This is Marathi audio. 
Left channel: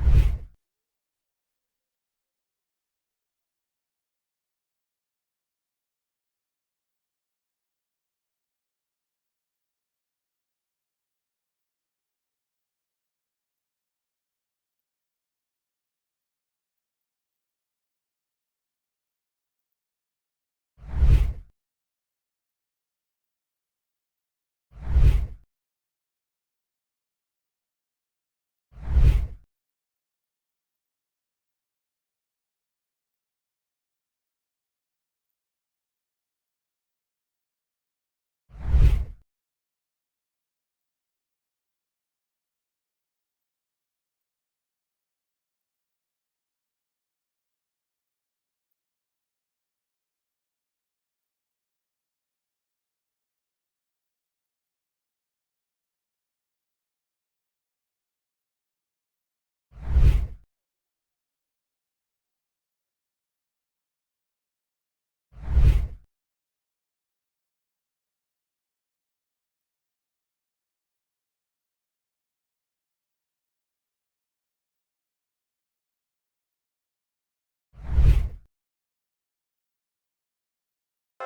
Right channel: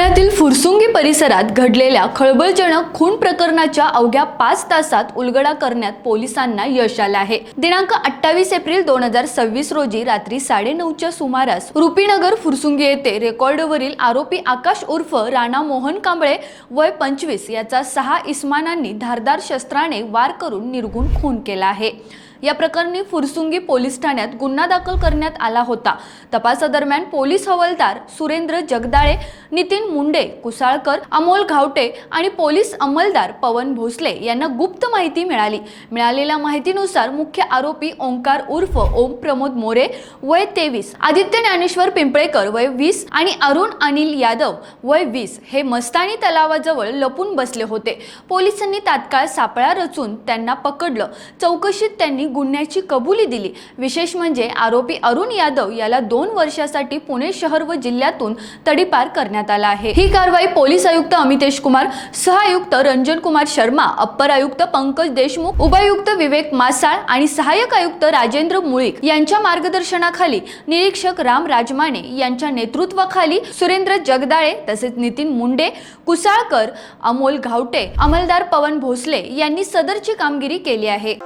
पुण्यातील फुरसुंगी परिसरात घडलेल्या खळबळजनक खून प्रकरणाच्या अवघ्या 5 तासात उलगडा करण्यात पोलिसांना यश आले आहे। दिनांक 28 एप्रिल 2026 रोजी रात्री 9:30च्या सुमारास रुपीनगर फुरसुंगी येथे रेकॉर्डवरील आरोपी आकाश उर्फ राणा मोहन कांबळे वय 25 याचा 6 इसमानांनी धारदार शस्त्राने वार करून निर्घुण खून केला आहे। या प्रकरणी फुरसुंगी पोलीस ठाण्यात गुन्हा दाखल करण्यात आला होता। तपासादरम्यान पोलीस हवालदार सुरेंद्र जगदाळे, नितीन मुंडे, कुसाळकर, अमोल घावटे आणि पोलीस अंमलदार पवन भोसले यांना गुप्त माहिती मिळाली। मिळालेल्या माहितीनुसार मुख्य आरोपी ओंकार उर्फ ओम प्रमोद मोरे वय 23, आदित्य ज्ञानेश्वर पिंपळेकर वय 20 आणि अरुण अनिल यादव वय 20 हे मस्तानी तलावाजवळ लपून बसले होते। पोलिसांनी तात्काळ सापळा रचून त्यांना पकडलं। चौकशीत त्यांनी गुन्ह्याची कबुली दिली। विशेष म्हणजे आरोपी अरुण यादव याला 2 वर्षासाठी पुणे शहर व जिल्ह्यातून तडीपार करण्यात आला आहे। ही कारवाई पोलीस आयुक्त अमितेश कुमार, सहआयुक्त रंजन कुमार शर्मा, अप्पर आयुक्त पंकज देशमुख, उपायुक्त विवेक मासाळ आणि सहाय्यक आयुक्त राजेंद्र मुळीक यांच्या मार्गदर्शनाखाली निरीक्षक राम राजमाने यांच्या नेतृत्वाखाली सुरेंद्र जगदाळे तसेच नितीन मुंडे, कुसाळकर, अमोल घावटे, अंमलदार पवन भोसले यांनी सदरची कामगिरी केली आहे।